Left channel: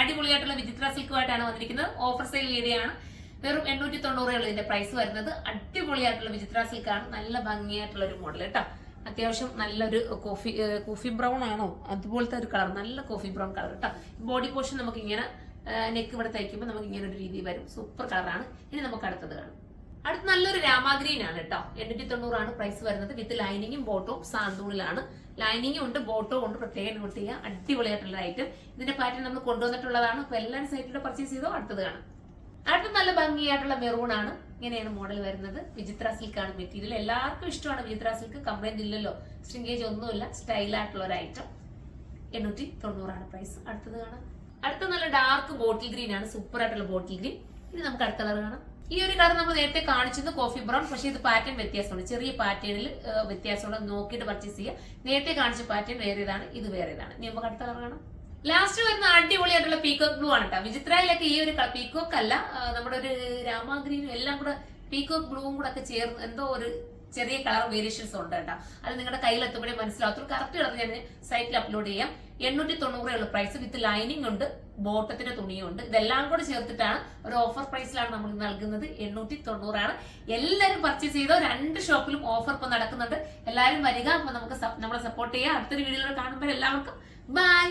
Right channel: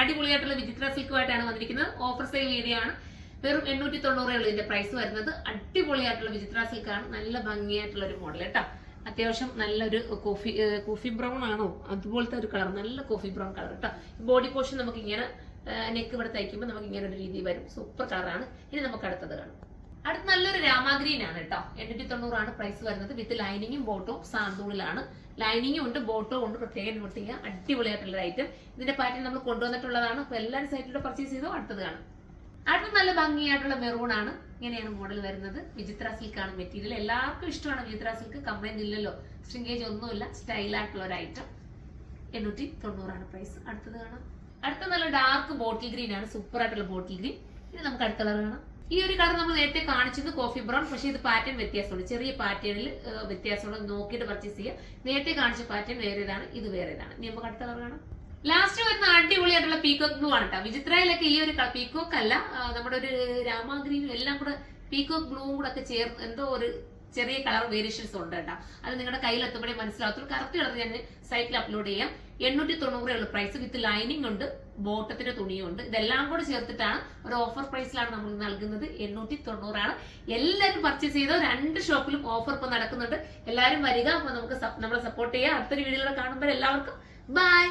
അടിപൊളിയായിട്ടുള്ള വിചിത്ര സിൽക്കുമായിട്ടാണ് വന്നിരിക്കുന്നത്. ഓഫർ സെയിൽ വീഡിയോ ആണ്. വെറും 890 ഇതിന്റെ പ്രൈസ് വരുന്നത്. അടിപൊളിയായിട്ടുള്ള വിചിത്ര സിൽക്കാണ്. നല്ല ഭംഗിയായിട്ടുള്ള ഒരു മോഡൽ കേട്ടോ. അത്യാവശ്യം നല്ലൊരു കോഫി ബ്രൗൺ ആണോ അതുപോലത്തെ ഒരു കളർ, നല്ല കോഫി ബ്രൗൺ കളർ കേട്ടോ. ബോഡി പോർഷൻ നമുക്ക് ഇങ്ങനെ നെക്ക് ഇവിടെ തയ്ക്കുമ്പോൾ നമുക്ക് ഇങ്ങനെ ഒരു രീതി വരും. സൂപ്പർ കളറാണ്. ഇനി നമുക്ക് അടുത്തത് കാണാം. അടുത്ത നല്ലൊരു രാമാഗ്രീൻ ആണ് കേട്ടോ. 890 പ്രൈസ് വരുന്നത്. വിത്ത് ലൈനിങ്ങും ബോട്ടവും സാന്തൂണിലാണ്. ലൈനിങ്ങും ഉണ്ട്, ബോട്ടോ ഉണ്ട്. പ്രത്യേകം നോട്ട് ചെയ്യുക. അടിപൊളിയായിട്ടുള്ള ഐറ്റം. ഇതിന്റെ പാറ്റേൺ നമ്മൾ കൊണ്ടുവന്നിട്ടുള്ളതാണ്. അപ്പൊ എല്ലാവരും സൈറ്റിലൂടെ പർച്ചേസ് ചെയ്തോ. അടുത്തത് കാണാം. അടുത്ത നല്ല ഭംഗിയായിട്ടുള്ള മെറൂൺ ആണ്. ഇങ്ങനെയാണ് മോഡൽ വരുന്നത്. വിചിത്ര സിൽക്ക് ആണ് മെറ്റീരിയൽ. എല്ലാവർക്കും ഇഷ്ടമാണ് വിചിത്ര സിൽക്ക്. കംപ്ലൈന്റ് ഇല്ലല്ലോ, സ്ട്രിങ്കേജ് ഒന്നുമില്ല. സ്റ്റൈലായിട്ടുള്ള ഒരു ഐറ്റം. 890 പ്രൈസ്. അടുത്തത് കാണാം. അടുത്ത നല്ല ഡാർക്ക് ബോട്ടിൽ ഗ്രീൻ ആണ്. സൂപ്പർ ആയിട്ടുള്ള ബോട്ടിൽ ഗ്രീൻ. ഇനി നമുക്ക് അടുത്ത കളർ കാണാം. ഈ ഒരു കളർ നമ്മൾ നേരത്തെ കാണിച്ചത് കോഫി ബ്രൗൺ, പക്ഷേ ഇത് പാറ്റേൺ വ്യത്യാസമുണ്ട്. ചെറിയ പാറ്റേണിൽ വ്യത്യാസമുണ്ട്. നോക്കിയിട്ട് പർച്ചേസ് ചെയ്യുക. നേരത്തെ കാണിച്ച പാറ്റേൺ വേറെ ഇതാണ്, ഇത് വേറെ ഇതാണ്. ഇനി നമുക്ക് അടുത്ത കളർ കാണാം. ലാസ്റ്റ് വരുന്ന അടിപൊളിയായിട്ടുള്ള പീകോക്ക് ബ്ലൂ ആണ് കേട്ടോ. വിചിത്രയിലൊക്കെ ഈ ഒരു പീകോക്ക് അല്ല, നമ്മുടെ ഒരു രാമാഗ്രീനും എല്ലാം കൂടെ പീകോക്ക് ബ്ലൂവും കൂടെ ഒക്കെ ചേർന്ന് എന്തോ ഒരു ചെറിയ കളർ വേരിയേഷൻസ് ഉണ്ട് കേട്ടോ. അത് നിങ്ങളുടെ കയ്യിലെത്തുമ്പോഴേ മനസ്സിലാകത്തുള്ളൂ. കറക്റ്റ് കളർ ഞാൻ സൈറ്റിൽ അപ്ലോഡ് ചെയ്യാം. 890 പ്രൈസ്. വിത്ത് ലൈനിങ് ഉണ്ട്, ബോട്ടത്തിന്റെ തുണിയും ഉണ്ട്. ഇതെല്ലാം കൂടെ ചേർത്തിട്ടാണ് ഒരു ഓഫർ പ്രൈസിലാണ് നമ്മൾ നൽകുന്നത്. 890 എല്ലാവരും പർച്ചേസ് ചെയ്തോ. 2 ഷോപ്പിലും ഓഫർ ഇപ്പൊ നടക്കുന്നുണ്ട്. എല്ലാവരും വരിക. അപ്പൊ നമുക്ക് നമ്മളെ സപ്പോർട്ട് ചെയ്യാം. അടുത്തൊരു വീഡിയോയിൽ കാണുമ്പോൾ എല്ലാവർക്കും ബൈ.